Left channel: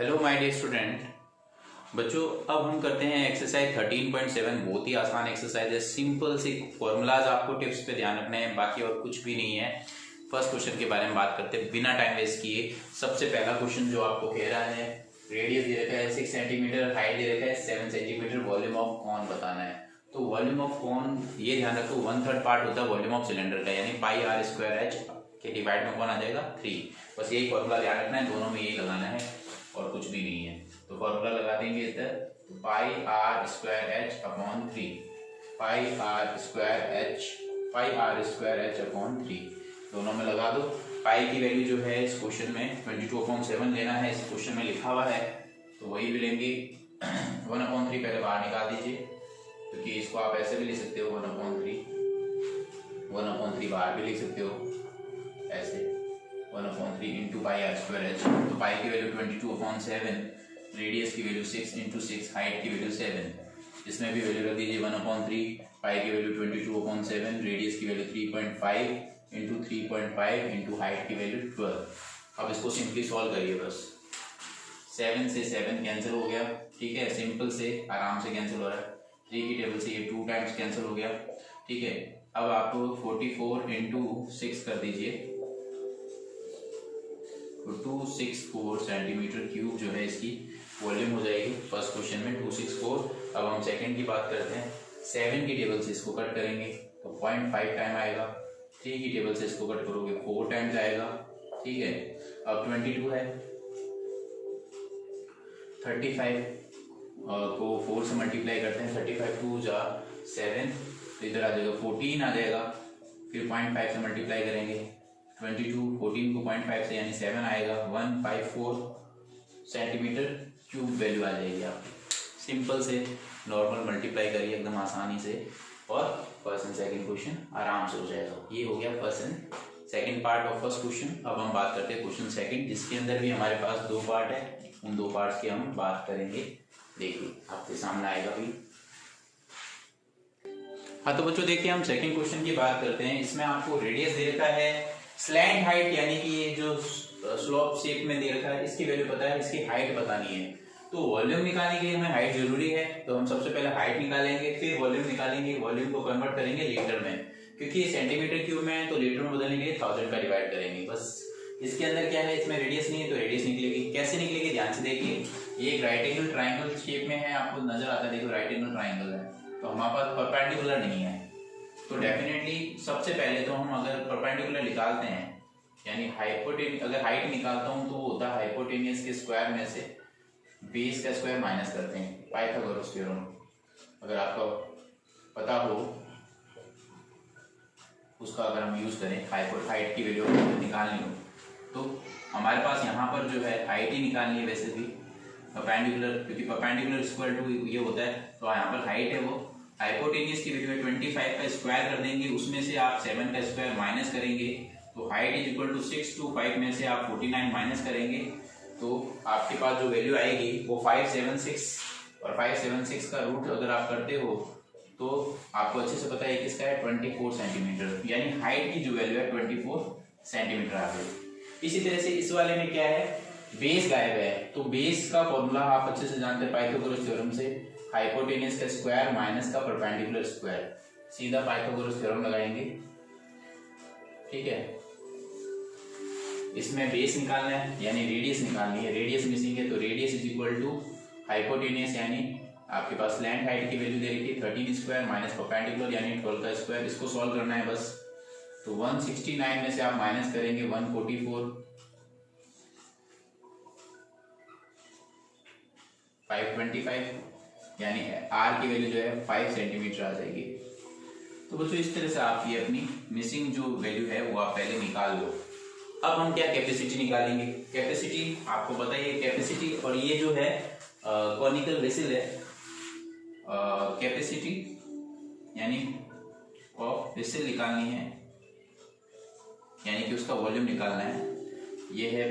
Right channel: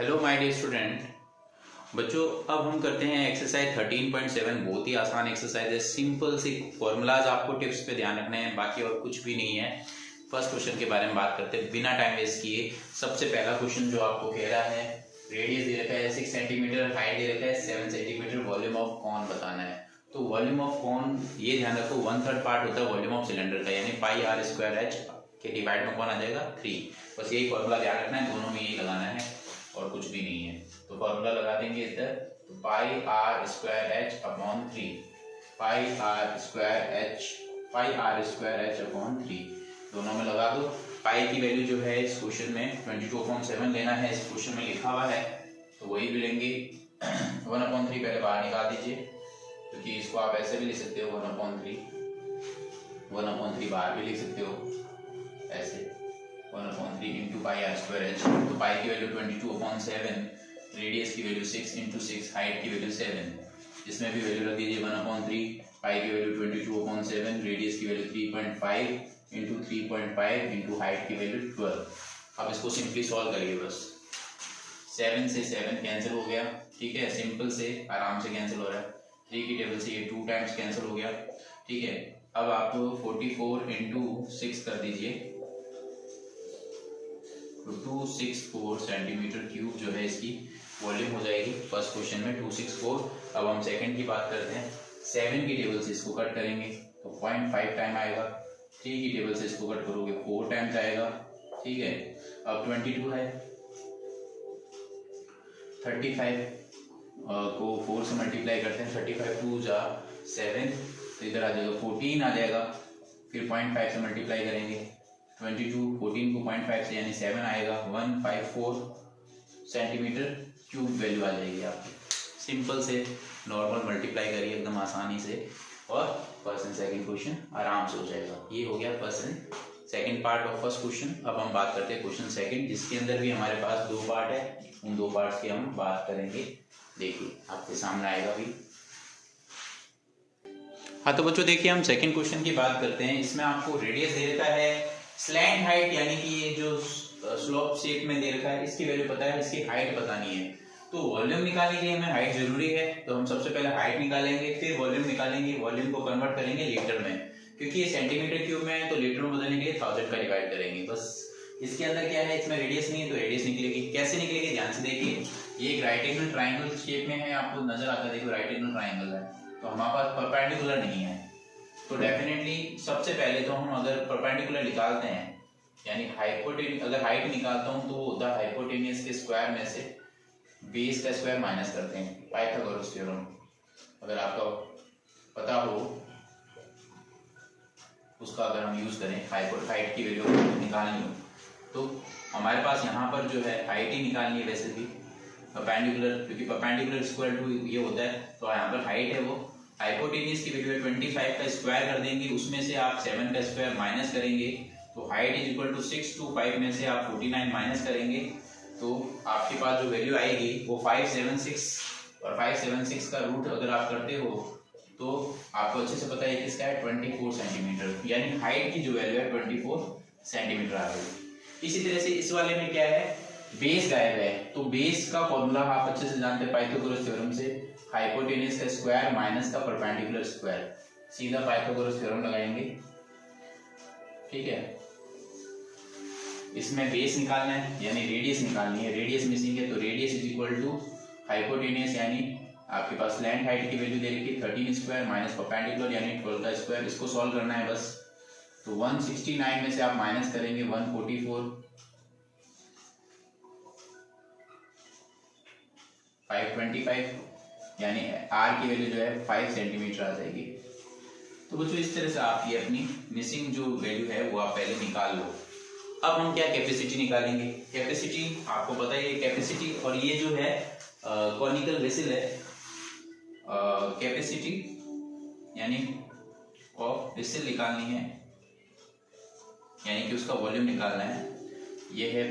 Hello my dear student. बच्चों अब हम करते हैं एक्सरसाइज 13.7। बहुत ही आसान एक्सरसाइज है, सिंपल सी फॉर्मूलाज आपको टिप्स पे ध्यान रखने हैं, बाकी और कुछ भी नहीं है। फर्स्ट क्वेश्चन के बारे में बात करते हैं बिना टाइम वेस्ट किए। सबसे पहला क्वेश्चन जो आपको कह रहा है, रेडियस दे रखा है 6 सेंटीमीटर, हाइट दे रखा है 7 सेंटीमीटर, वॉल्यूम ऑफ कॉन बताना है। तो वॉल्यूम ऑफ कॉन ये ध्यान रखो 1/3 पार्ट होता है वॉल्यूम ऑफ सिलेंडर का, यानी पाई आर स्क्वायर एच के डिवाइड में कौन आ जाएगा 3। बस यही फॉर्मूला ध्यान रखना है, दोनों में यही लगाना है और कुछ भी नहीं है। तो फॉर्मूला लगा देंगे इधर, तो pi r square h upon 3, pi r square h upon 3 दोनों में लगा दो। पाई की वैल्यू जो है इस क्वेश्चन में 22/7 लेना है, इस क्वेश्चन में लिखा हुआ है, तो वही भी लेंगे। 1/3 पहले बाहर निकाल दीजिए, क्योंकि इसको आप ऐसे भी लिख सकते हो 1/3 बाहर भी लिख सकते हो ऐसे 1/3 into pi r square h. तो पाई की वैल्यू 22/7, रेडियस की वैल्यू 6 इंटू 6, हाइट की वैल्यू 7, इसमें भी वैल्यू रख दीजिए 1/3। पाई की वैल्यू 22/7, रेडियस की वैल्यू 3.5 इंटू 3.5 इंटू हाइट की वैल्यू 12। अब इसको सिंपली सॉल्व करिए, बस 7 से 7 कैंसिल हो गया, ठीक है, सिंपल से आराम से कैंसिल हो रहा है। 3 की टेबल से ये 2 टाइम्स कैंसिल हो गया, ठीक है। अब आप 44 इंटू 6 कर दीजिए, तो 264 सेंटीमीटर क्यूब जो है इसकी वॉल्यूम हो जाएगी फर्स्ट क्वेश्चन में 264। अब हम सेकंड की बात करते हैं। 7 की टेबल से इसको कट करेंगे तो 0.5 टाइम आएगा, 3 की टेबल से इसको कट करोगे 4 टाइम्स आएगा, ठीक है। अब 22 है, 35 को 4 से मल्टीप्लाई करते हैं, 35 2 जा 7, तो इधर आ जाएगा 14 आ जाएगा। फिर 0.5 से मल्टीप्लाई करेंगे 22, 14 को 0.5 से यानी 7 आएगा, 154 सेंटीमीटर क्यूब वैल्यू आ जाएगी आपकी। सिंपल से नॉर्मल मल्टीप्लाई करिए एकदम आसानी से, और फर्स्ट एंड सेकंड क्वेश्चन आराम से हो जाएगा। ये हो गया first and second part of first question. अब हम बात करते हैं क्वेश्चन सेकंड, जिसके अंदर भी हमारे पास 2 पार्ट है, उन 2 पार्ट्स की हम बात करेंगे। देखिए आपके सामने आएगा भी। हाँ तो बच्चों देखिए, हम सेकंड क्वेश्चन की बात करते हैं। इसमें आपको रेडियस दे रखा है, स्लैंट हाइट यानी कि ये जो स्लोप शेप में दे रखा है इसकी वैल्यू पता है, इसकी हाइट बतानी है। तो वॉल्यूम निकालने के लिए हमें हाइट जरूरी है, तो हम सबसे पहले हाइट निकालेंगे, फिर वॉल्यूम निकालेंगे, वॉल्यूम को कन्वर्ट करेंगे लीटर में, क्योंकि ये सेंटीमीटर क्यूब में है तो लीटर में बदलने के लिए 1000 का डिवाइड करेंगे बस। इसके अंदर क्या है, इसमें रेडियस नहीं है तो रेडियस निकलेगी। कैसे निकलेगी ध्यान से देखिए, ये एक राइट एंगल ट्राइंगल शेप में है, आपको नजर आता है, देखो राइट एंगल ट्राइंगल है, तो हमारे पास परपेंडिकुलर नहीं है। तो डेफिनेटली सबसे पहले तो हम अगर परपेंडिकुलर निकालते हैं, यानी हाइपोटेनियस, अगर हाइट निकालता हूं तो वो होता है हाइपोटेनियस के स्क्वायर में से बेस का स्क्वायर माइनस करते हैं, पाइथागोरस थ्योरम अगर आपको पता हो उसका अगर हम यूज करें, हाइट की वैल्यू निकालनी हो तो हमारे पास यहाँ पर जो है हाइट ही निकालनी है वैसे भी परपेंडिकुलर, क्योंकि परपेंडिकुलर स्क्वायर टू ये होता है, तो यहाँ पर हाइट है वो हाइपोटेनियस की वैल्यू 25 का स्क्वायर कर देंगे, उसमें से आप 7 का स्क्वायर माइनस करेंगे, तो height is equal to 6 to 5 में से आप 49 माइनस करेंगे, तो आपके पास जो वैल्यू आएगी वो 576, और 576 का रूट अगर आप करते हो तो आपको अच्छे से पता है किसका है 24 सेंटीमीटर, यानी हाइट की जो वैल्यू है 24 सेंटीमीटर आ गई। इसी तरह से इस वाले में क्या है, बेस गायब है, तो बेस का फॉर्मूला आप अच्छे से जानते हैं पाइथागोरस थ्योरम से, हाइपोटेनियस का स्क्वायर माइनस का परपेंडिकुलर स्क्वायर, सीधा पाइथागोरस थ्योरम लगाएंगे, ठीक है। इसमें बेस निकालना है यानी रेडियस निकालनी है, रेडियस मिसिंग है, तो radius is equal to hypotenuse यानी आपके पास स्लैंट हाइट की वैल्यू दे रखी है 13 स्क्वायर माइनस परपेंडिकुलर यानी 12 का स्क्वायर, इसको सॉल्व करना है बस। तो 169 में से आप माइनस करेंगे 144, 525, यानी आर की वैल्यू जो है 5 सेंटीमीटर आ जाएगी। तो बच्चों इस तरह से आप ये अपनी मिसिंग जो वैल्यू है वो आप पहले निकाल लो। अब हम क्या कैपेसिटी निकालेंगे, कैपेसिटी आपको पता है कैपेसिटी, और ये जो है कॉनिकल वेसल है, कैपेसिटी यानी ऑफ वेसल निकालनी है, यानी कि उसका वॉल्यूम निकालना है। ये है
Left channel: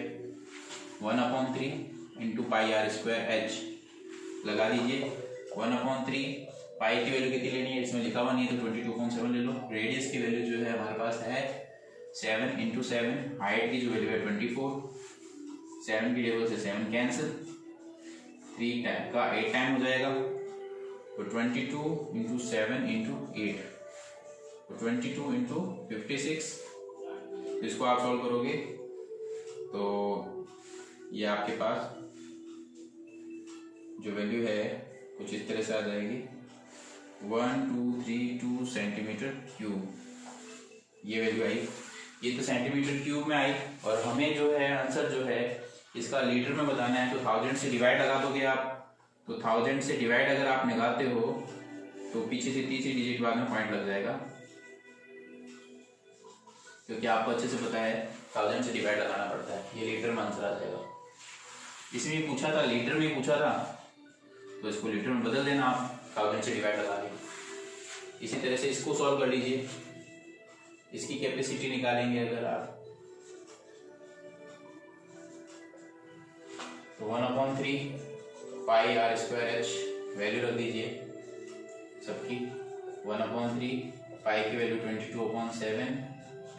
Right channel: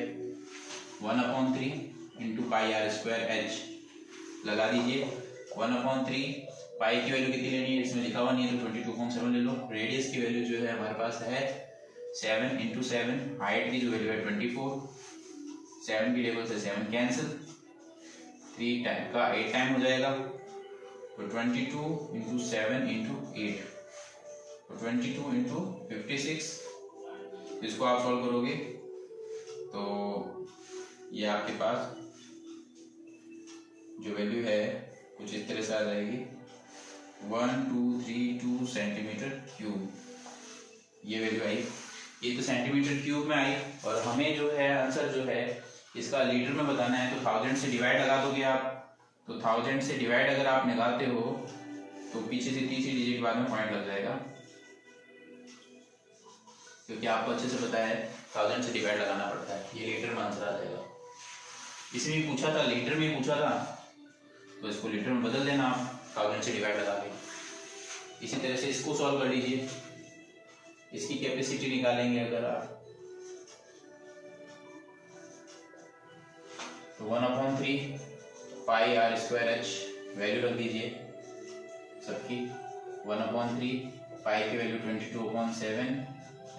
1/3 into pi r square h, लगा दीजिए 1/3, पाई की वैल्यू कितनी लेनी है इसमें लिखा हुआ नहीं है तो 22/7 ले लो। रेडियस की वैल्यू जो है हमारे पास है 7 इंटू 7, हाइट की जो वैल्यू है 24, 7 की टेबल से 7 कैंसिल, 3 टाइम का 8 टाइम हो जाएगा, तो 22 इंटू 7 इंटू 8, तो 22 इंटू 56। इसको आप सॉल्व करोगे तो ये आपके पास जो वैल्यू है कुछ इस तरह से आ जाएगी 1232 सेंटीमीटर क्यूब, ये वैल्यू आई। ये तो सेंटीमीटर क्यूब में आई, और हमें जो है आंसर जो है इसका लीटर में बताना है, तो 1000 से डिवाइड लगा दोगे आप, तो 1000 से डिवाइड अगर आप लगाते हो तो पीछे से तीसरी डिजिट बाद में पॉइंट लग जाएगा, क्योंकि आपको अच्छे से पता है 1000 से डिवाइड लगाना पड़ता है। ये लीटर में आंसर आ जाएगा। इसमें पूछा था, लीटर में पूछा था, तो इसको लीटर में बदल देना आप 1000 से डिवाइड लगा के। इसी तरह से इसको सॉल्व कर लीजिए, इसकी कैपेसिटी निकालेंगे अगर आप, तो 1/3 पाई आर स्क्वायर एच वैल्यू रख दीजिए सबकी। 1/3 पाई की वैल्यू 22/7,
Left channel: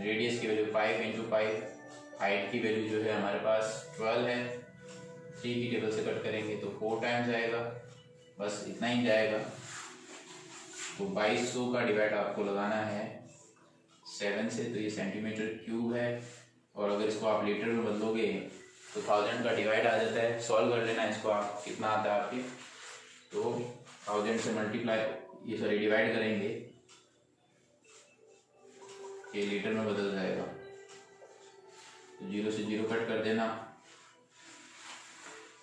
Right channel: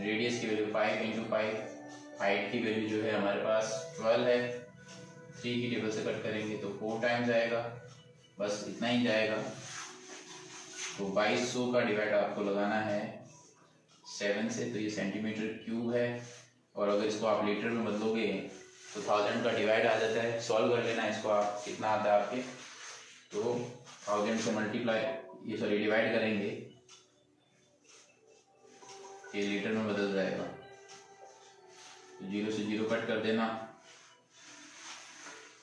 रेडियस की वैल्यू 5 इंटू 5, हाइट की वैल्यू जो है हमारे पास 12 है, 3 की टेबल से कट करेंगे तो 4 टाइम्स आएगा, बस इतना ही जाएगा। तो 2200 का डिवाइड आपको लगाना है 7 से, तो ये सेंटीमीटर क्यूब है, और अगर इसको आप लीटर में बदलोगे तो 1000 का डिवाइड आ जाता है। सॉल्व कर लेना इसको आप, कितना आता है आपके, तो 1000 से मल्टीप्लाई डिवाइड करेंगे, ये लीटर में बदल जाएगा। तो 0 से 0 कट कर देना,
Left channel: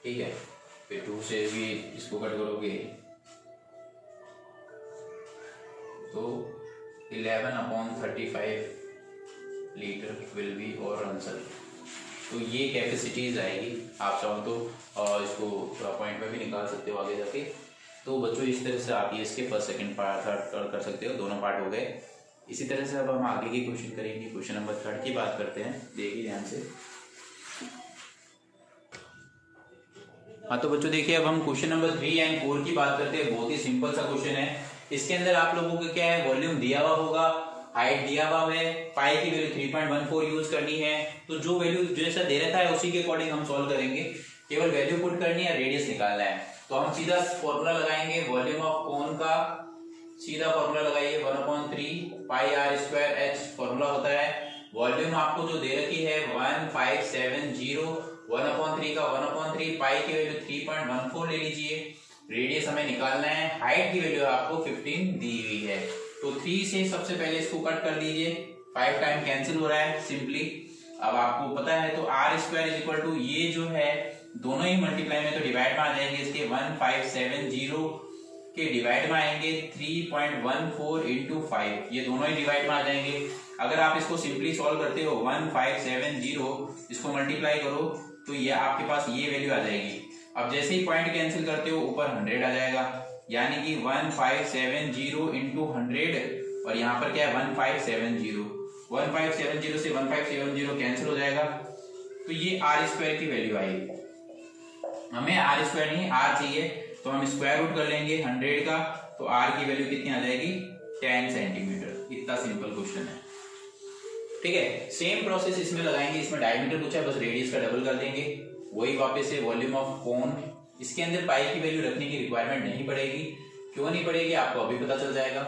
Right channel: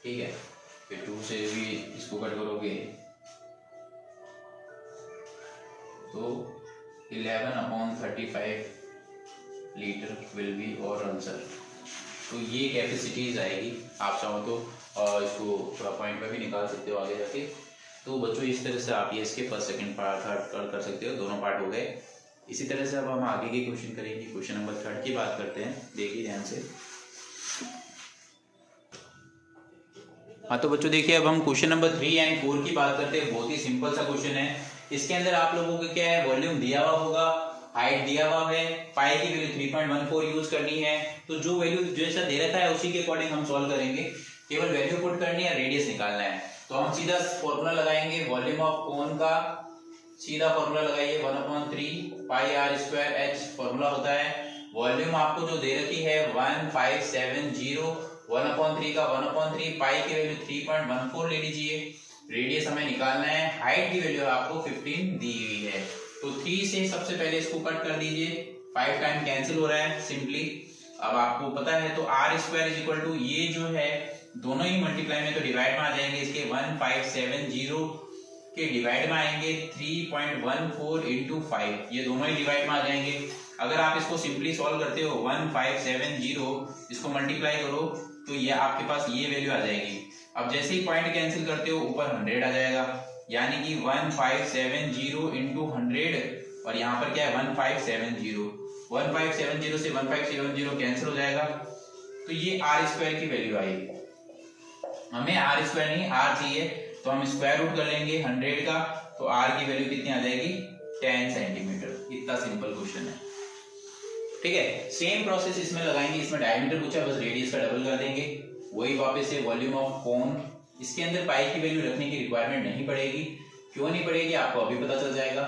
ठीक है। फिर 2 से भी इसको कट करोगे तो 11/35 लीटर विल बी और आंसर। तो ये कैपेसिटीज आएगी। आप चाहो तो इसको थोड़ा पॉइंट पे भी निकाल सकते हो आगे जाके। तो बच्चों इस तरह से आप ये इसके फर्स्ट सेकंड पार्ट थर्ड कर सकते हो, दोनों पार्ट हो गए। इसी तरह से अब हम आगे के क्वेश्चन करेंगे। क्वेश्चन नंबर 3 की बात करते हैं, देखिए ध्यान से। हाँ तो बच्चों देखिए, अब हम क्वेश्चन नंबर 3 एंड 4 की बात करते हैं। बहुत ही सिंपल सा क्वेश्चन है। इसके अंदर आप लोगों को क्या है, वॉल्यूम दिया हुआ होगा, हाइट दिया हुआ है, पाई की वैल्यू 3.14 यूज करनी है। तो जो वैल्यू जैसा दे रखा है उसी के अकॉर्डिंग हम सॉल्व करेंगे। केवल वैल्यू पुट करनी है, रेडियस निकालना है। तो हम सीधा फॉर्मूला लगाएंगे वॉल्यूम ऑफ कोन का, सीधा फॉर्मूला लगाइए 1/3 पाई आर स्क्वायर एच फॉर्मूला होता है। वॉल्यूम आपको जो दे रखी है 1570, 1/3 का 1/3 पाई की वैल्यू 3.14 ले लीजिए। रेडियस हमें निकालना है, हाइट की वैल्यू आपको 15 दी हुई है। तो 3 से सबसे पहले इसको कट कर दीजिए, 5 टाइम कैंसिल हो रहा है सिंपली। अब आपको पता है तो r square is equal to, ये जो है दोनों ही मल्टीप्लाई में तो डिवाइड में आ जाएंगे। इसके 1570 के डिवाइड में आएंगे 3.14 इंटू 5, ये दोनों ही डिवाइड में आ जाएंगे। अगर आप इसको सिंपली सॉल्व करते हो 1570 इसको मल्टीप्लाई करो तो ये आपके पास ये वैल्यू आ जाएगी। अब जैसे ही पॉइंट कैंसिल करते हो ऊपर 100 आ जाएगा, यानी कि 1570 इंटू 100, और यहाँ पर क्या है 1570, 1570 से 1570 कैंसिल हो जाएगा। तो ये आर स्क्वायर की वैल्यू आएगी। हमें आर स्क्वायर नहीं आर चाहिए, तो हम स्क्वायर रूट कर लेंगे 100 का, तो आर की वैल्यू कितनी आ जाएगी 10 सेंटीमीटर। इतना सिंपल क्वेश्चन है, ठीक है। सेम प्रोसेस इसमें लगाएंगे। इसमें डायमीटर पूछा, बस रेडियस का डबल कर देंगे। वही वापस से वॉल्यूम ऑफ कोन, इसके अंदर पाई की वैल्यू रखने की रिक्वायरमेंट नहीं पड़ेगी। क्यों नहीं पड़ेगी आपको अभी पता चल जाएगा।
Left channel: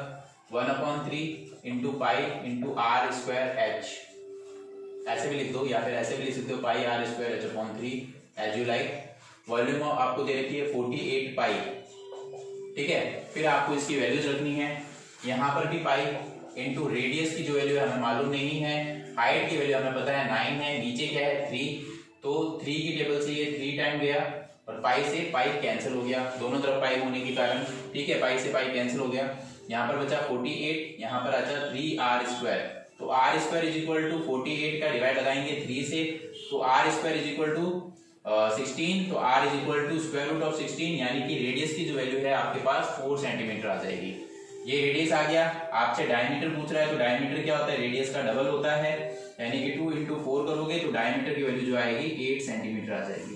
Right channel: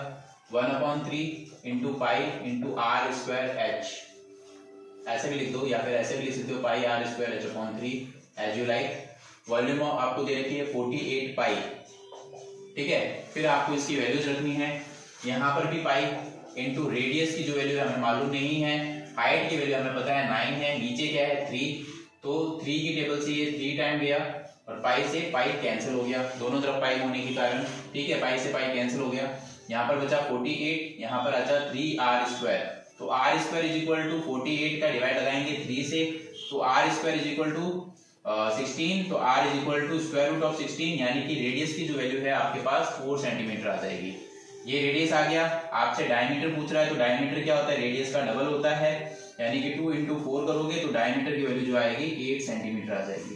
1/3 into pi into r square h, ऐसे भी लिख दो या फिर ऐसे भी लिख सकते हो, pi r square h upon 3 as you like. Volume आपको दे रखी है 48 पाई, ठीक है। फिर आपको इसकी वैल्यूज रखनी है, यहाँ पर भी पाई इंटू रेडियस की जो वैल्यू हमें मालूम नहीं है, हाइट की वैल्यू हमें पता है 9 है, नीचे क्या है 3, तो 3 की टेबल से ये 3 टाइम गया और पाई से पाई कैंसिल हो गया, दोनों तरफ पाई होने के कारण, ठीक है। पाई से पाई कैंसिल हो गया, यहाँ पर बचा 48, यहाँ पर अच्छा 3 आर स्क्वायर। तो r square is equal to 48 का डिवाइड लगाएंगे 3 से, तो r square is equal to 16, तो r is equal to square root of 16, यानी कि रेडियस की जो वैल्यू है आपके पास 4 सेंटीमीटर आ जाएगी। ये रेडियस आ गया। आपसे डायमीटर पूछ रहा है, तो डायमीटर क्या होता है, रेडियस का डबल होता है, यानी कि 2 इंटू 4 करोगे तो डायमीटर की वैल्यू जो आएगी 8 सेंटीमीटर आ जाएगी,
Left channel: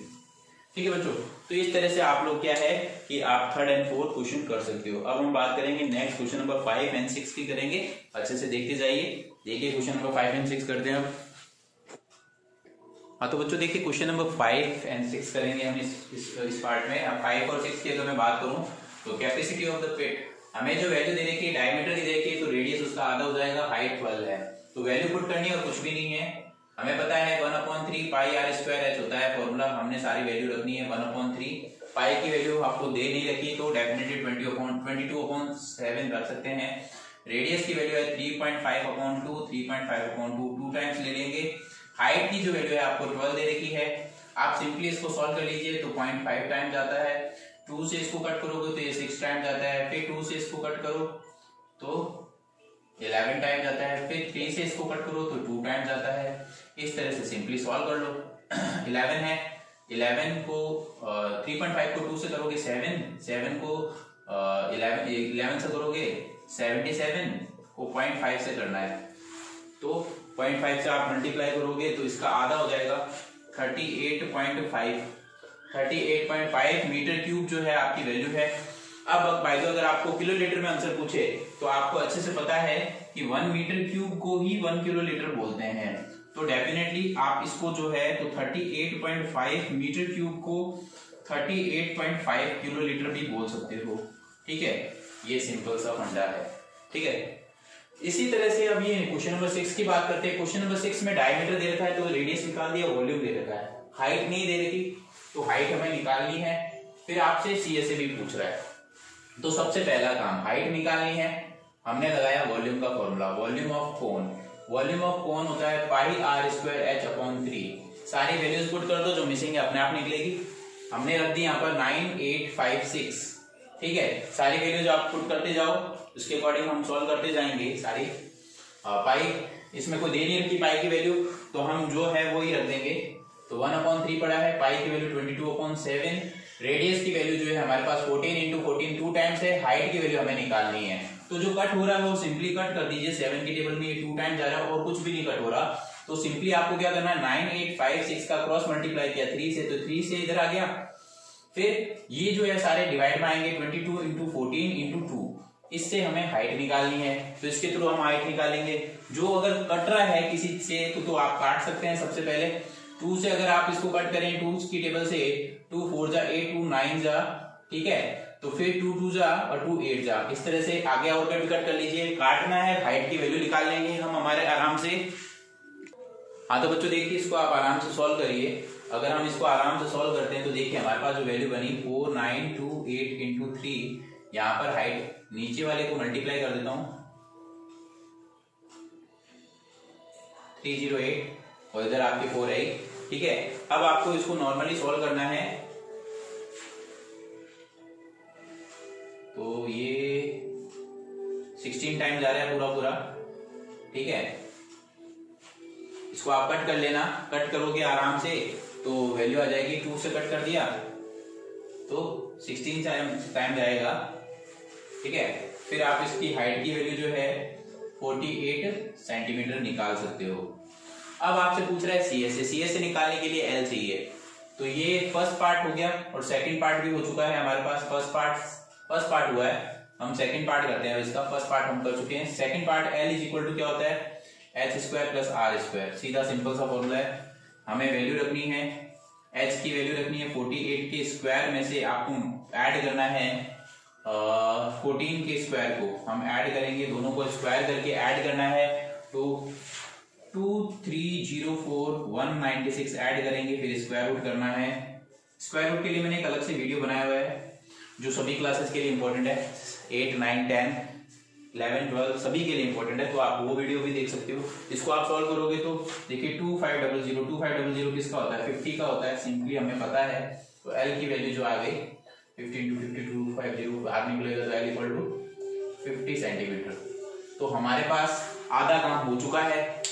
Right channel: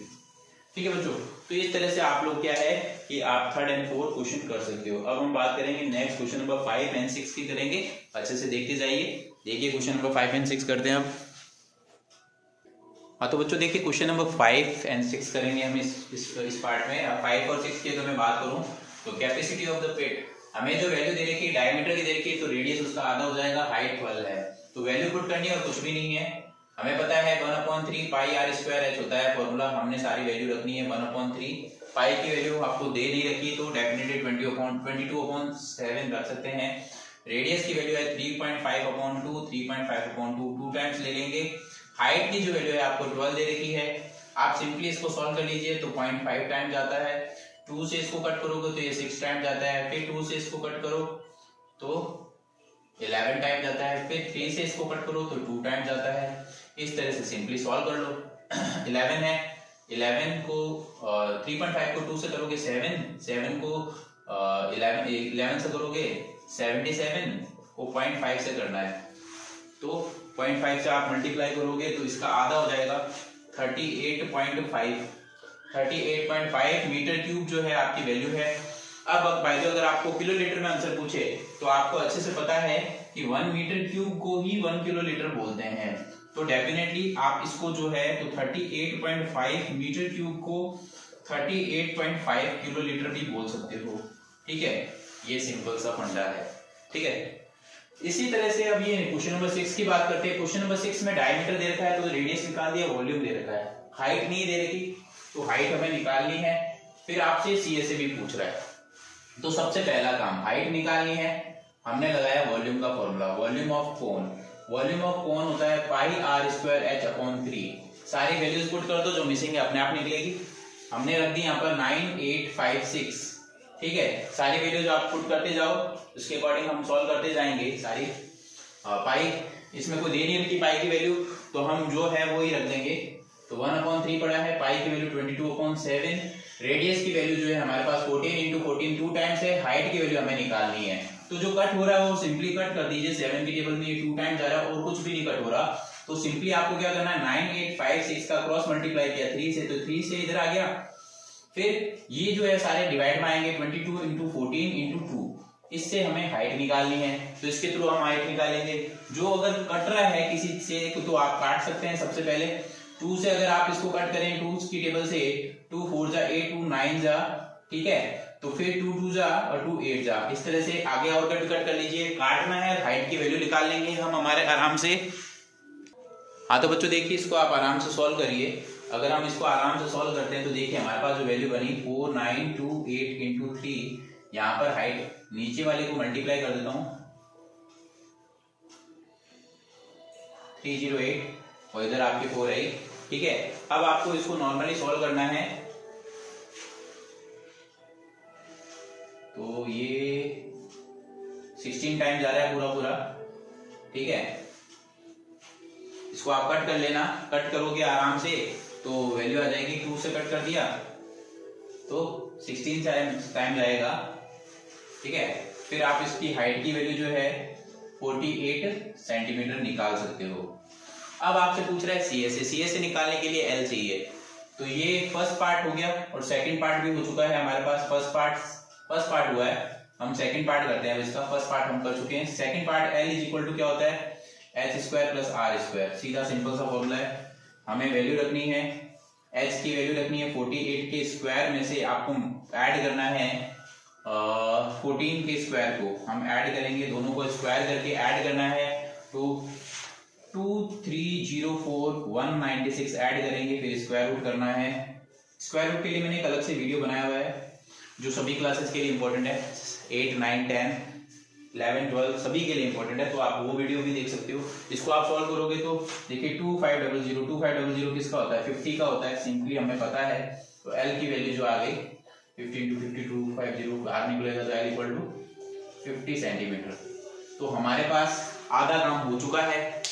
ठीक है बच्चों। तो इस तरह से आप लोग क्या है कि आप 3rd एंड 4th क्वेश्चन कर सकते हो। अब हम बात करेंगे नेक्स्ट क्वेश्चन नंबर 5 एंड 6 की करेंगे। अच्छे से देखते जाइए। देखिए क्वेश्चन नंबर 5 एंड 6 करते हैं अब। हाँ तो बच्चों देखिए क्वेश्चन नंबर 5 और 6 करेंगे हम इस पार्ट में। अब 5 और 6 की अगर मैं बात करूं तो कैपेसिटी ऑफ द पेट हमें जो वैल्यू दे रखी है डायमीटर की दे रखी है, तो रेडियस उसका आधा हो जाएगा, हाइट 12 है, तो वैल्यू पुट करनी है और कुछ भी नहीं है। हमें पता है 1/3 पाई आर स्क्वायर एच होता है फॉर्मूला, हमने सारी वैल्यू रखनी है 1/3। पाई की वैल्यू आपको दे नहीं रखी तो डेफिनेटली 22/7 रख सकते हैं। रेडियस की वैल्यू है 3.5/2, 3.5/2 2 टाइम्स ले लेंगे। हाइट की जो वैल्यू है आपको 12 दे रखी है, आप सिंपली इसको सॉल्व कर लीजिए तो 0.5 टाइम जाता है। 2 से इसको कट करोगे तो ये 6 टाइम जाता है, फिर 2 से इसको कट करो तो 11 टाइम जाता है, फिर 3 से इसको कट करो तो 2 टाइम जाता है। इस तरह से सिंपली सॉल्व कर लो। 11 है, 11 को 3.5 को 2 से करोगे 7 को 11 से करोगे 77 को 0.5 से करना है, तो 0.5 से आप मल्टीप्लाई करोगे तो इसका आधा हो जाएगा 38.5 मीटर क्यूब जो है आपकी वैल्यू है। अब बाय द वे अगर आपको किलोलीटर में आंसर पूछे तो आपको अच्छे से पता है कि 1 मीटर क्यूब को ही 1 किलोलीटर बोलते हैं, तो डेफिनेटली आप इसको जो है तो 38.5 मीटर क्यूब को 38.5 किलोलीटर भी बोल सकते हो। ठीक है, ये सिंपल सा फंडा है। ठीक है, इसी तरह से अब ये क्वेश्चन नंबर 6 की बात करते हैं। क्वेश्चन नंबर 6 में डायमीटर दे रखा है तो रेडियस निकाल दिया, वॉल्यूम दे रखा है, हाइट नहीं दे रखी तो हाइट हमें निकालनी है। फिर आपसे सीएसए भी पूछ रहा है, तो सबसे पहला काम हाइट निकालनी है। हमने लगाया वॉल्यूम का formula, volume of cone. Volume of cone होता है पाई आर स्क्वायर एच अपॉन 3। सारी वैल्यूज पुट कर दो, जो मिसिंग है अपने आप निकलेगी। हमने रख दी यहाँ पर 9856। ठीक है, सारी वैल्यूज आप पुट करते जाओ, उसके अकॉर्डिंग हम सॉल्व करते जाएंगे सारी। पाई इसमें कोई दे नहीं रखी पाई की वैल्यू, तो हम जो है वो ही रख देंगे। तो 1/3 पड़ा है, पाई की वैल्यू 22/7। रेडियस की वैल्यू जो है हमारे पास 14 × 14 2 टाइम्स है। हाइट की वैल्यू हमें निकालनी है, तो जो कट हो रहा है वो सिंपली कट कर दीजिए। 7 की टेबल में ये 2 टाइम्स आ रहा है और कुछ भी नहीं कट हो रहा, तो सिंपली आपको क्या करना है 9856 का क्रॉस मल्टीप्लाई किया 3 से, तो 3 से इधर आ गया। फिर ये जो है सारे डिवाइड में आएंगे 22 × 14 × 2, इससे हमें हाइट निकालनी है, तो इसके थ्रू हम हाइट निकालेंगे। जो अगर कट रहा है किसी से तो आप काट सकते हैं। सबसे पहले 2 से अगर आप इसको कट करें 2 की टेबल से 2 4 जा 8 2 9 जा, ठीक है, तो फिर 2 2 जा और 2 8 जा, इस तरह से आगे और कट कर लीजिए। काटना है, हाइट की वैल्यू निकाल लेंगे हम हमारे आराम से। हाँ तो बच्चों देखिए इसको आप आराम से सॉल्व करिए। अगर हम इसको आराम से सॉल्व करते हैं तो देखिए हमारे पास जो वैल्यू बनी 4928 × 3। यहाँ पर हाइट नीचे वाले को मल्टीप्लाई कर देता हूं 308 और इधर आपकी 4 आई। ठीक है, अब आपको इसको नॉर्मली सॉल्व करना है, तो ये 16 टाइम जा रहा है पूरा। ठीक है, इसको आप कट कर लेना, कट करोगे आराम से तो वैल्यू आ जाएगी। 2 से कट कर दिया तो 16 टाइम जाएगा। ठीक है, फिर आप इसकी हाइट की वैल्यू जो है 48 सेंटीमीटर निकाल सकते हो। अब आपसे पूछ रहा है सीएसए निकालने के लिए एल चाहिए, तो ये फर्स्ट पार्ट हो गया और सेकंड पार्ट भी हो चुका है हमारे पास। फर्स्ट पार्ट हुआ है, हम सेकंड पार्ट करते हैं। अब इसका फर्स्ट पार्ट हम कर चुके हैं। Second part L is equal to क्या होता है h² + r²। सीधा सिंपल सा फॉर्मूला है। हमें वैल्यू रखनी है, h की वैल्यू रखनी है 48 के स्क्वायर में से आपको ऐड करना है 14 के स्क्वायर को हम ऐड करेंगे, दोनों को स्क्वायर करके ऐड करना है, तो 2304,196 ऐड करेंगे, फिर स्क्वायर रूट करना है। स्क्वायर रूट के लिए मैंने एक अलग से वीडियो बनाया हुआ है जो सभी क्लासेस के लिए इंपॉर्टेंट है, 8 9 10 11 12 सभी के लिए इंपॉर्टेंट है, तो आप वो वीडियो भी देख सकते हो। इसको आप सॉल्व करोगे तो देखिए 2500 किसका होता है 50 का होता है, सिंपली हमें पता है। तो एल की वैल्यू जो आ गई 15 × 52 50 बाहर निकलेगा तो एल इक्वल टू 50 सेंटीमीटर। तो हमारे पास आधा काम हो चुका है।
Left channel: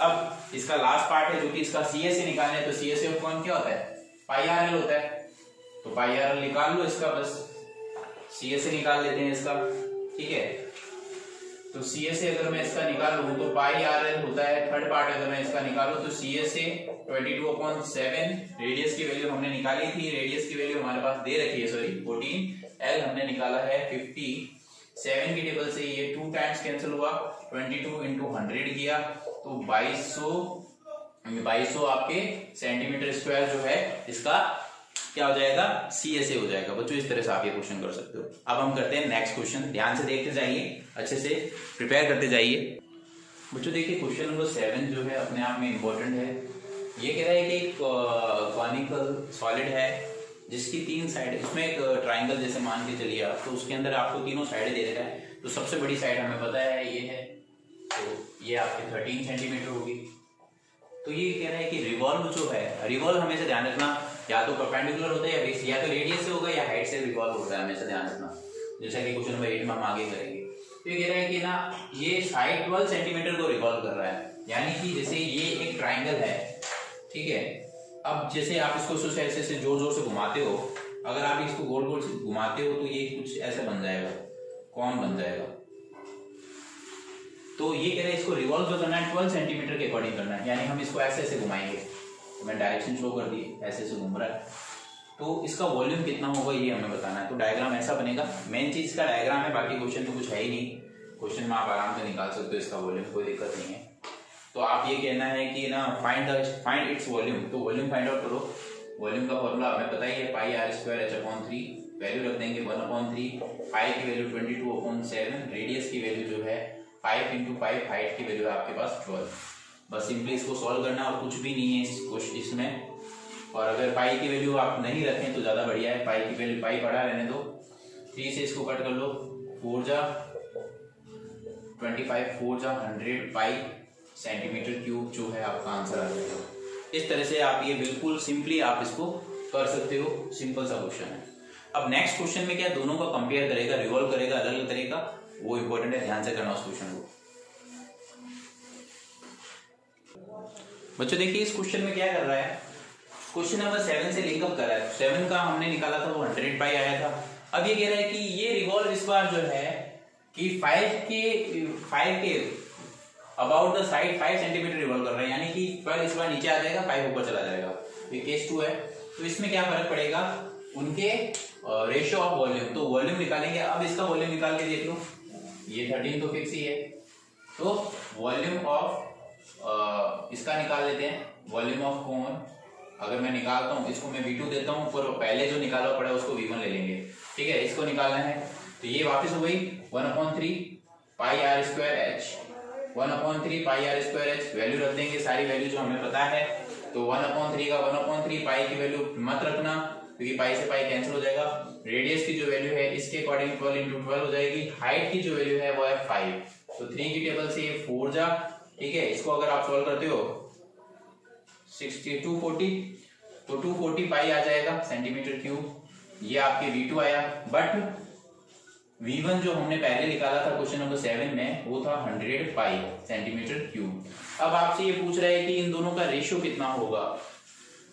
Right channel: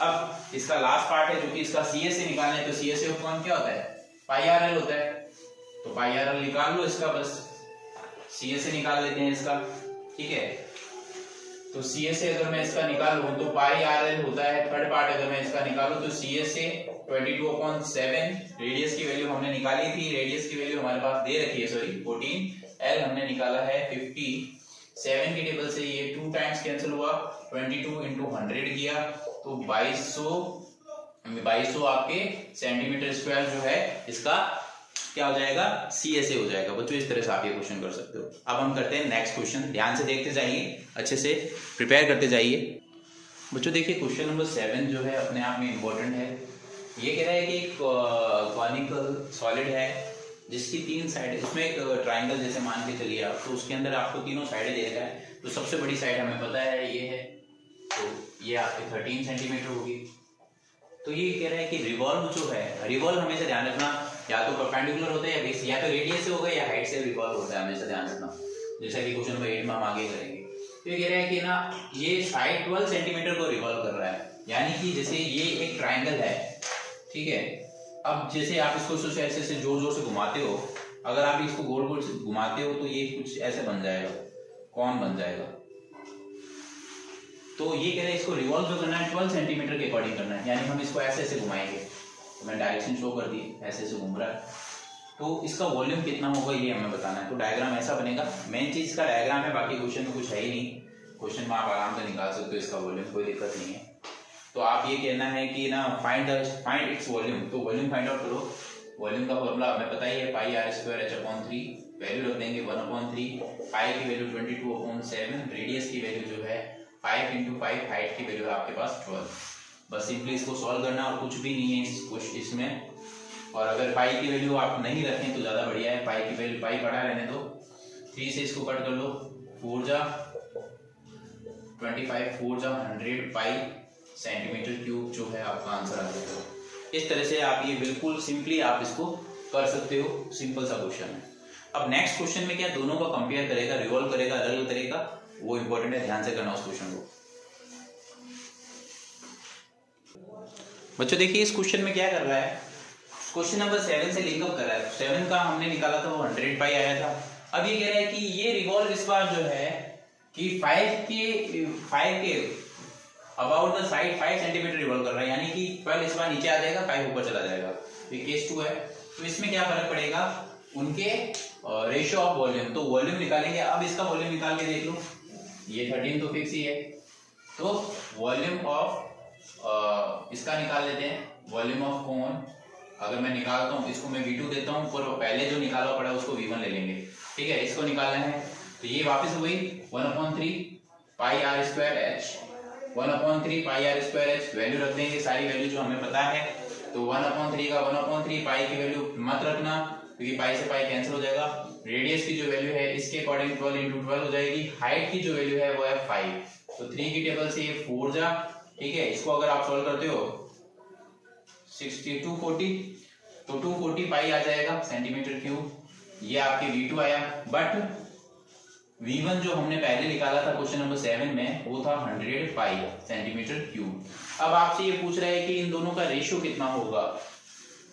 अब इसका लास्ट पार्ट है जो कि इसका सीएसए निकालना है, तो सीएसए ऑफ कौन क्या होता है पाई आर एल होता है, तो पाई आर एल निकाल लो इसका, बस सीएसए निकाल लेते हैं इसका। ठीक है, तो सीएसए अगर मैं इसका निकालूं तो पाई आर एल होता है। थर्ड पार्ट अगर मैं इसका निकालूं तो सीएसए 22/7, रेडियस की वैल्यू हमने निकाली थी, रेडियस की वैल्यू हमारे पास दे रखी है 14, एल हमने निकाला है 50। 7 की टेबल से ये 2 टाइम्स कैंसिल हुआ, 22 × 100 किया तो 2200 2200 आपके सेंटीमीटर स्क्वायर जो है इसका क्या हो जाएगा, CSA हो जाएगा। बच्चों इस तरह से आप ये क्वेश्चन कर सकते हो। अब हम करते हैं नेक्स्ट क्वेश्चन, ध्यान से देखते जाइए, अच्छे से प्रिपेयर करते जाइए। बच्चों देखिए क्वेश्चन नंबर 7 जो है अपने आप में इम्पोर्टेंट है। ये कह रहा है कि एक कॉनिकल सॉलिड है जिसकी 3 साइड, इसमें एक ट्राइंगल जैसे मान के चलिए आप, तो उसके अंदर आपको तीनों साइडें दे रखा है। तो सबसे बड़ी साइड हमें पता है ये है, तो ये आपके 13 सेंटीमीटर होगी। तो ये कह रहा है कि रिवॉल्व जो है, रिवॉल्व हमेशा ध्यान रखना या तो परपेंडिकुलर होता है या तो रेडियस से होगा या हाइट से रिवॉल्व होता है, हमेशा ध्यान रखना, जैसा कि क्वेश्चन नंबर 8 में हम आगे करेंगे। तो ये कह रहा है कि ना ये साइड 12 सेंटीमीटर को रिवॉल्व कर रहा है, यानी कि जैसे ये एक ट्राइंगल है, ठीक है। अब जैसे आप इसको ऐसे जोर जोर से घुमाते हो, अगर आप इसको गोल गोल से घुमाते हो तो ये कुछ ऐसे बन जाएगा, कौन बन जाएगा। तो ये कह रहे हैं इसको रिवॉल्व जो करना है 12 सेंटीमीटर के अकॉर्डिंग करना है, यानी हम इसको ऐसे ऐसे घुमाएंगे। तो मैं डायरेक्शन शो कर दी, ऐसे ऐसे घूम रहा है, तो इसका वॉल्यूम कितना होगा ये हमें बताना है। तो डायग्राम ऐसा बनेगा, मेन चीज का डायग्राम है, बाकी क्वेश्चन में कुछ है ही नहीं। क्वेश्चन में आप आराम से निकाल सकते हो इसका वॉल्यूम, कोई दिक्कत नहीं है। तो आप ये कहना है कि ना फाइंड इट्स वॉल्यूम, तो वॉल्यूम फाइंड आउट करो। वॉल्यूम का फॉर्मूला हमें पता ही है, पाई r स्क्वायर h/3, वैल्यू रख देंगे 1/3, पाई की वैल्यू 22/7, रेडियस की वैल्यू जो है 5 × 5, हाइट की वैल्यू है आपके पास 12। बस सिंपली इसको सॉल्व करना और कुछ भी नहीं है इसमें। और अगर पाई की वैल्यू आप नहीं रखें तो ज़्यादा बढ़िया है, पाई की वैल्यू पाई पढ़ा रहने दो। 3 से इसको कट कर लो, 4 जा 25, 4 जा 100 पाई सेंटीमीटर क्यूब जो है आपका आंसर आ जाएगा। इस तरह से आप ये बिल्कुल सिंपली आप इसको कर सकते हो, सिंपल सा क्वेश्चन है। अब नेक्स्ट क्वेश्चन में क्या दोनों का कंपेयर करेगा, रिवॉल्व करेगा अलग अलग तरीका, वो इंपॉर्टेंट है, ध्यान से करना उस क्वेश्चन को। बच्चों देखिए इस क्वेश्चन में क्या कर रहा है, क्वेश्चन नंबर 7 से लिंकअप कर रहा है। 7 का हमने निकाला था वो 100 पाई आया था। अब ये कह रहा है कि ये रिवॉल्व इस बार जो है कि 5 के about the side 5 centimetre revolve कर रहा है, यानी कि 12 इस बार नीचे आ जाएगा, 5 ऊपर चला जाएगा। ये केस 2 है। तो इसमें क्या फर्क पड़ेगा, उनके रेशियो ऑफ वॉल्यूम। तो वॉल्यूम निकालेंगे। अब इसका वॉल्यूम निकाल के देख लो, ये 13 तो फिक्स ही है, तो वॉल्यूम ऑफ इसका निकाल लेते हैं। वॉल्यूम ऑफ कोन अगर मैं निकालता हूँ, इसको मैं V2 देता हूँ, पर पहले जो निकाला पड़ा है उसको V1 ले लेंगे, ठीक है। इसको निकालना है तो ये वापस हो गई 1/3 पाई r स्क्वायर h, 1/3 पाई r स्क्वायर h। वैल्यू रख देंगे सारी वैल्यू जो हमें पता है। तो 1/3 का 1/3 पाई की वैल्यू मत रखना क्योंकि पाई से पाई कैंसिल हो जाएगा। रेडियस की जो वैल्यू है इसके अकॉर्डिंग 12 × 12 हो जाएगी। हाइट की जो वैल्यू है वो है 5, तो 3 की टेबल से ये 4 जा, ठीक है। इसको अगर आप सॉल्व करते हो 240, तो 240 पाई आ जाएगा सेंटीमीटर क्यूब। ये आपके V2 आया, बट V1 जो हमने पहले निकाला था क्वेश्चन नंबर 7 में वो था 100 पाई सेंटीमीटर क्यूब। अब आपसे ये पूछ रहा है कि इन दोनों का रेशियो कितना होगा,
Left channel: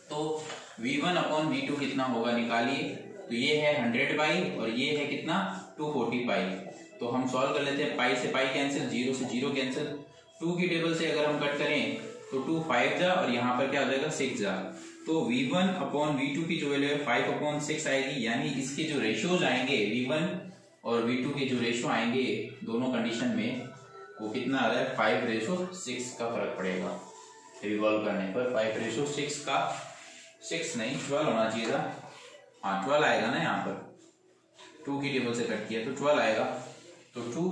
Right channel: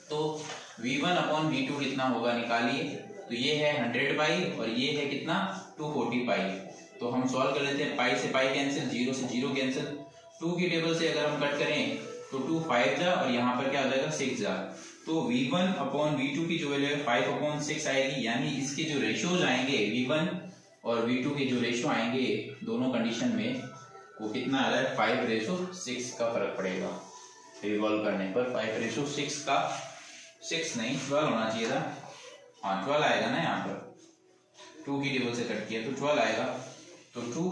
तो V1/V2 कितना होगा निकालिए। तो ये है 100 पाई और ये है कितना 240 पाई। तो हम सॉल्व कर लेते हैं, पाई से पाई कैंसिल, 0 से 0 कैंसिल। 2 की टेबल से अगर हम कट करें तो 2 5 जा और यहाँ पर क्या हो जाएगा 6 जा। तो V1/V2 की जो वैल्यू है 5/6 आएगी, यानी इसके जो रेशियोज आएंगे V1 और V2 के जो रेशियो आएंगे दोनों कंडीशन में वो कितना आ रहा है 5:6 का फर्क पड़ेगा। रिवॉल्व करने पर 5:6 का 6 नहीं 12 होना चाहिए था, हाँ 12 आएगा ना। यहाँ पर 2 की टेबल से कट किया तो 12 आएगा, तो 2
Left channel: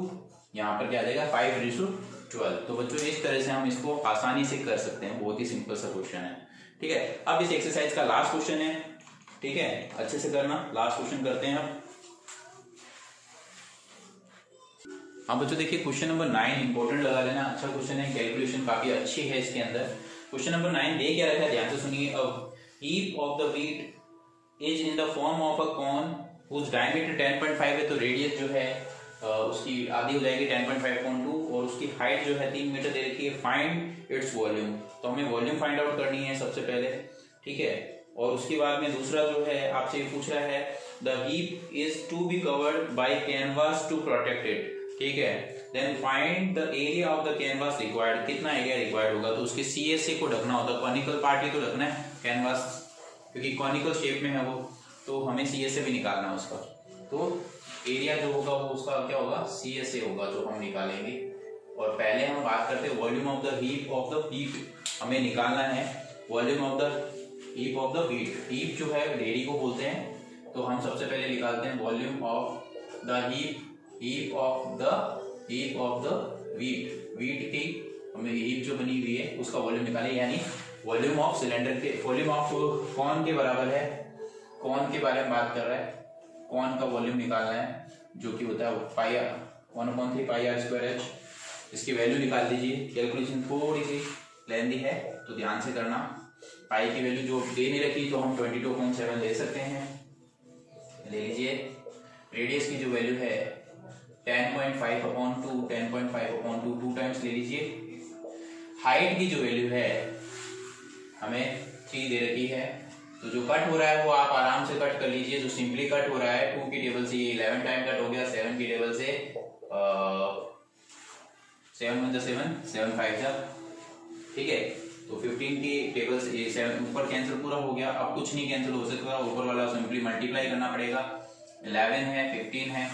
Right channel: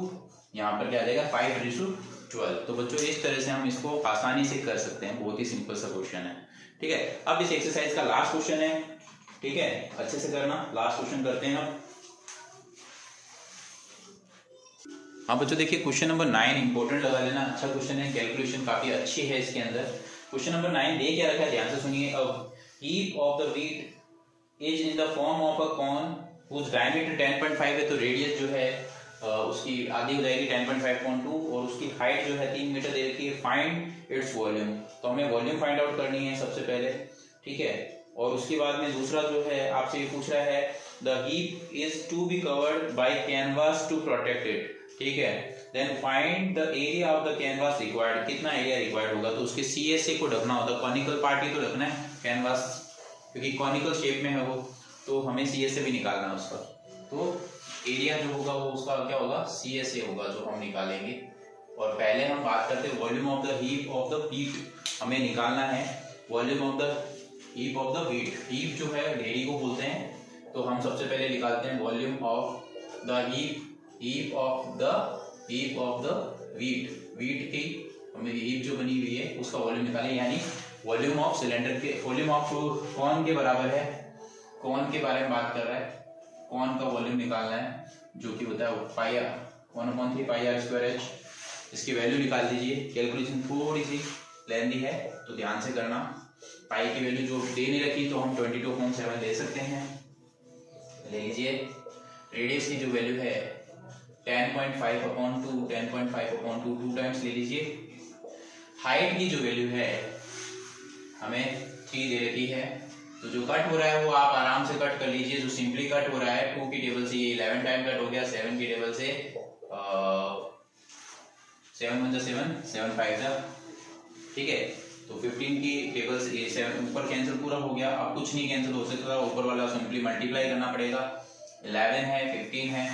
यहाँ पर क्या आ जाएगा 5:12। तो बच्चों इस तरह से हम इसको आसानी से कर सकते हैं, बहुत ही सिंपल सा क्वेश्चन है, ठीक है। अब इस एक्सरसाइज का लास्ट क्वेश्चन है, ठीक है, अच्छे से करना। लास्ट क्वेश्चन करते हैं अब। हाँ बच्चों देखिए क्वेश्चन नंबर 9 इंपोर्टेंट लगा लेना, अच्छा क्वेश्चन है, कैलकुलेशन काफी अच्छी है इसके अंदर। क्वेश्चन नंबर 9 दे क्या रखा है, ध्यान से सुनिए। A heap of the wheat is in the form of a cone whose diameter 10.5 है, तो रेडियस जो है उसकी आधी हो जाएगी 10.5/2 और उसकी हाइट जो है 3 मीटर दे रखी है। फाइंड इट्स वॉल्यूम, तो हमें वॉल्यूम फाइंड आउट करनी है सबसे पहले, ठीक है। और उसके बाद में दूसरा जो है आपसे ये पूछ रहा है the heap is to be covered by canvas to protect it, ठीक है। Then find the area of the canvas required, कितना एरिया रिक्वायर्ड होगा, तो उसके CSA को ढकना होता है, कॉनिकल पार्ट ही तो ढकना है कैनवास, क्योंकि कॉनिकल शेप में है वो, तो हमें CSA भी निकालना है उसका। तो एरिया जो होगा वो उसका क्या होगा CSA होगा जो हम निकालेंगे। और पहले हम बात करते हैं volume of the heap of the heat. हमें निकालना है volume of the heap of the heat. Heap जो है रेडी को बोलते हैं, तो हम सबसे पहले निकालते हैं volume of the heap of the wheat. Wheat की हमें हीप जो बनी हुई है उसका वॉल्यूम निकालें, यानी वॉल्यूम ऑफ सिलेंडर के वॉल्यूम ऑफ कौन के बराबर है, कौन के बारे में बात कर रहा है, कौन का वॉल्यूम निकालना है जो कि होता है पाई 1/3 पाई r स्क्वायर h। इसकी वैल्यू निकाल दीजिए। कैलकुलेशन थोड़ी सी लेंदी है तो ध्यान से करना। पाई की वैल्यू जो दे नहीं रखी तो हम 22.7 ले सकते हैं, ले लीजिए। रेडियस की जो वैल्यू है 10.5/2 10.5/2 2 टाइम्स ले लीजिए। हाइट की जो वैल्यू है हमें 3 दे रखी है, तो जो कट हो रहा है वो आप आराम से कट कर लीजिए। जो सिंपली कट हो रहा है 2 की टेबल से ये 11 टाइम कट हो गया, 7 की टेबल से 7 1 7 7 5 जा, ठीक है। तो 15 की टेबल से ये 7 ऊपर कैंसिल पूरा हो गया। अब कुछ नहीं कैंसिल हो सकता, ऊपर वाला सिंपली मल्टीप्लाई करना पड़ेगा। 11 है 15 है,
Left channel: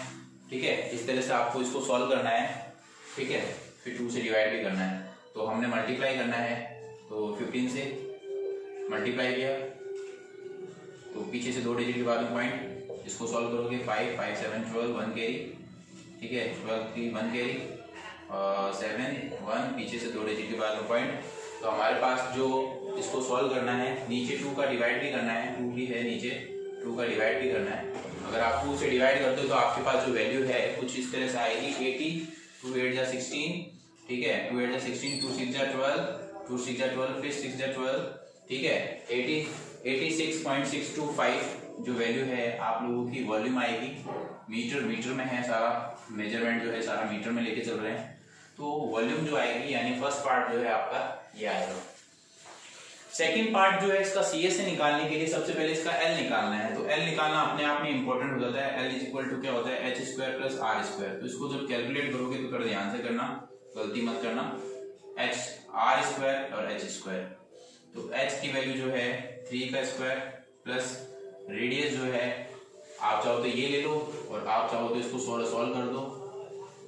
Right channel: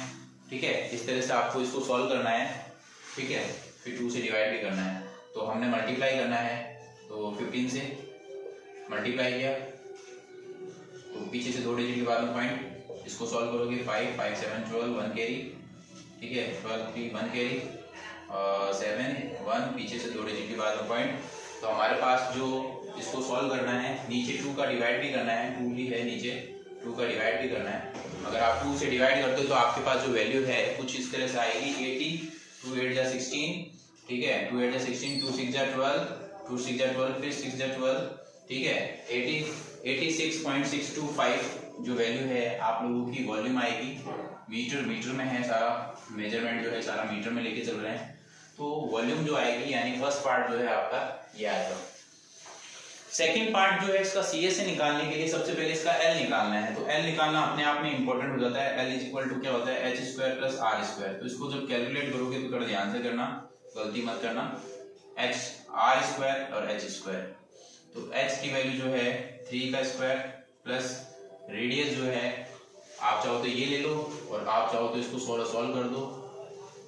ठीक है। इस तरह से आपको इसको सॉल्व करना है, ठीक है। फिर 2 से डिवाइड भी करना है, तो हमने मल्टीप्लाई करना है। तो 15 से मल्टीप्लाई किया तो पीछे से 2 डिजिट के बाद में पॉइंट, इसको सॉल्व करोगे 5 5 7 12 1 कैरी, ठीक है। 12 की 1 कैरी 7 1 पीछे से 2 डिजिट के बाद में पॉइंट। तो हमारे पास जो इसको सॉल्व करना है, नीचे 2 का डिवाइड भी करना है, 2 भी है नीचे, 2 का डिवाइड भी करना है। अगर आप 2 से डिवाइड करते हो तो आपके पास जो वैल्यू है कुछ इस तरह से आएगी 80 2 8 जा 16, ठीक है। 2 8 जा 16 2 6 जा 12 2 6 जा 12 फिर 6 जा 12, ठीक है। 86.625 जो वैल्यू है आप लोगों की वॉल्यूम आएगी। मीटर में है सारा मेजरमेंट जो है सारा मीटर में लेके चल रहे हैं, तो वॉल्यूम जो आएगी यानी फर्स्ट पार्ट जो है आपका ये आएगा। सेकंड पार्ट जो है इसका CS से निकालने के लिए सबसे पहले इसका L निकालना है। तो L निकालना अपने आप में इंपॉर्टेंट हो जाता है। L इज इक्वल टू क्या होता है h square plus r square. तो इसको जब कैलकुलेट करोगे तो थोड़ा ध्यान से करना, गलती मत करना। h r स्क्वायर और h स्क्वायर, तो h की वैल्यू जो है 3 का स्क्वायर प्लस रेडियस जो है आप चाहो तो ये ले लो और आप चाहो तो इसको सॉल्व कर दो।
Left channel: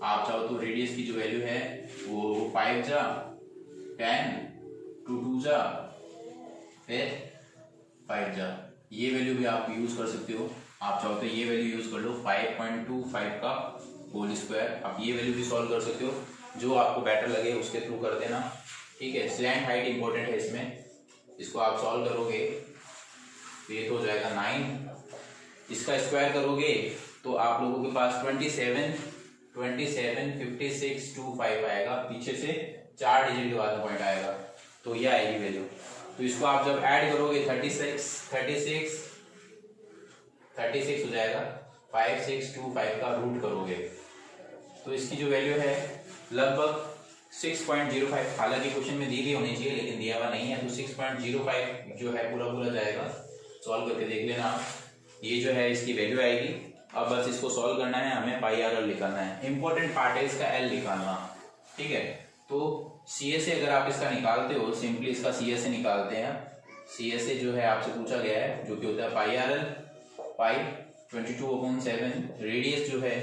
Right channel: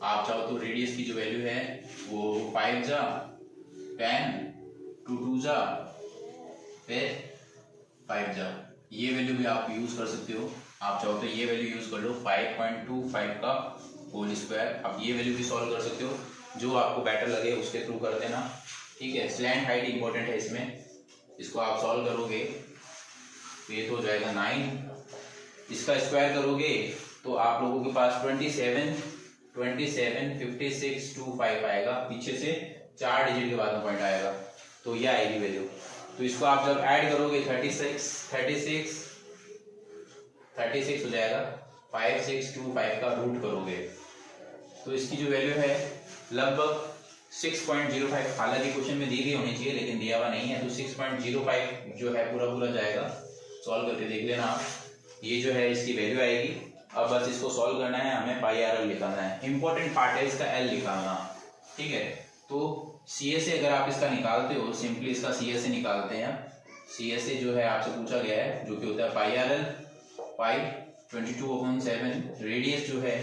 आप चाहो तो रेडियस की जो वैल्यू है वो 5 जा 10 2 2 जा फिर 5 जा, ये वैल्यू भी आप यूज कर सकते हो। आप चाहो तो ये वैल्यू यूज कर लो 5.25 का होल स्क्वायर। आप ये वैल्यू भी सॉल्व कर सकते हो, जो आपको बेटर लगे उसके थ्रू कर देना, ठीक है। स्लैंट हाइट इंपॉर्टेंट है इसमें, इसको आप सॉल्व करोगे तो ये तो हो जाएगा 9। इसका स्क्वायर करोगे तो आप लोगों के पास 27 56 25 आएगा, पीछे से 4 डिजिट के बाद में पॉइंट आएगा, तो ये आएगी वैल्यू। तो इसको आप जब ऐड करोगे 36 हो जाएगा। 5625 का रूट करोगे तो इसकी जो वैल्यू है लगभग 6.05, हालांकि क्वेश्चन में दी गई होनी चाहिए लेकिन दिया हुआ नहीं है, तो 6.05 जो है पूरा जाएगा। सॉल्व करके देख लेना आप, ये जो है इसकी वैल्यू आएगी। अब बस इसको सॉल्व करना है, हमें पाई आर एल निकालना है। इंपॉर्टेंट पार्ट है इसका एल निकालना, ठीक है। तो CS से अगर आप इसका निकालते हो, सिंपली इसका CS से निकालते हैं। CS से जो है आपसे पूछा गया है जो कि होता है पाई आर एल, पाई 22/7। रेडियस जो है,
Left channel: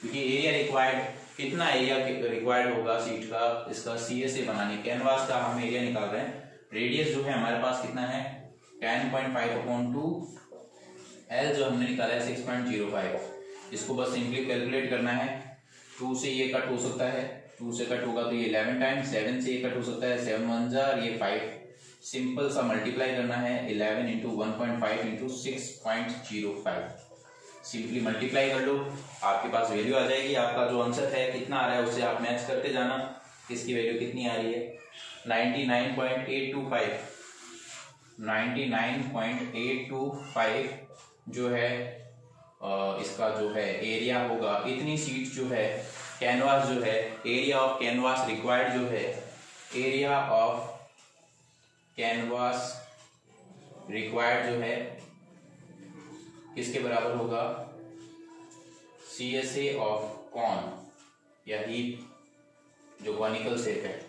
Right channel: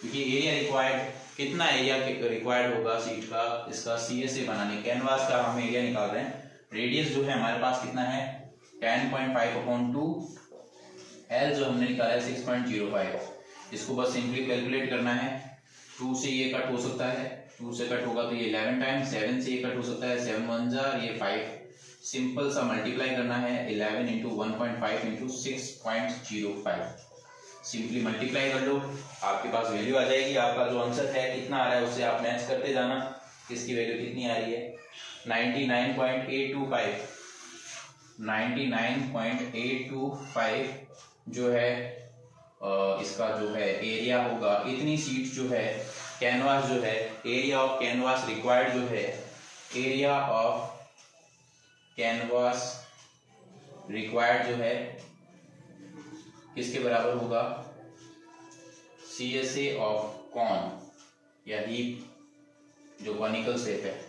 क्योंकि एरिया रिक्वायर्ड, कितना एरिया रिक्वायर्ड होगा सीट का इसका CS से बनाने, कैनवास का हम एरिया निकाल रहे हैं। रेडियस जो है हमारे पास कितना है 10.5/2, L जो हमने निकाला है 6.05। इसको बस सिंपली कैलकुलेट करना है। 2 से ये कट हो सकता है, 2 से कट होगा तो ये 11 टाइम्स, 7 से ये कट हो सकता है 7 1 जा, ये 5। सिंपल सा मल्टीप्लाई करना है 11 इंटू 1.5 इंटू 6.05। सिंपली मल्टीप्लाई कर लो, आपके पास वैल्यू आ जाएगी। आपका जो आंसर है कितना आ रहा है उससे आप मैच करते जाना, इसकी वैल्यू कितनी आ रही है 99.825। 99.825 जो है इसका जो है एरिया होगा। इतनी सीट जो है कैनवास जो है, एरिया ऑफ कैनवास रिक्वायर्ड जो है, एरिया ऑफ कैनवास रिक्वायर्ड जो है किसके बराबर होगा, CSA ऑफ कॉन या हीप जो कॉनिकल शेप है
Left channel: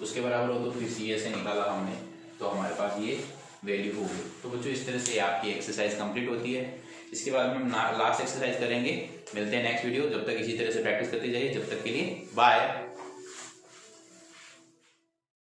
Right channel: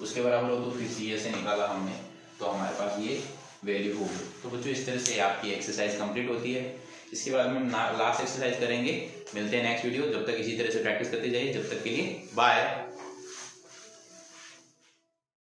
उसके बराबर हो, तो फिर CSA निकाला हमने तो हमारे पास ये वैल्यू होगी। तो बच्चों इस तरह से आपकी एक्सरसाइज कंप्लीट होती है। इसके बाद में हम लास्ट एक्सरसाइज करेंगे। मिलते हैं नेक्स्ट वीडियो, जब तक इसी तरह से प्रैक्टिस करते जाइए। जब तक के लिए बाय।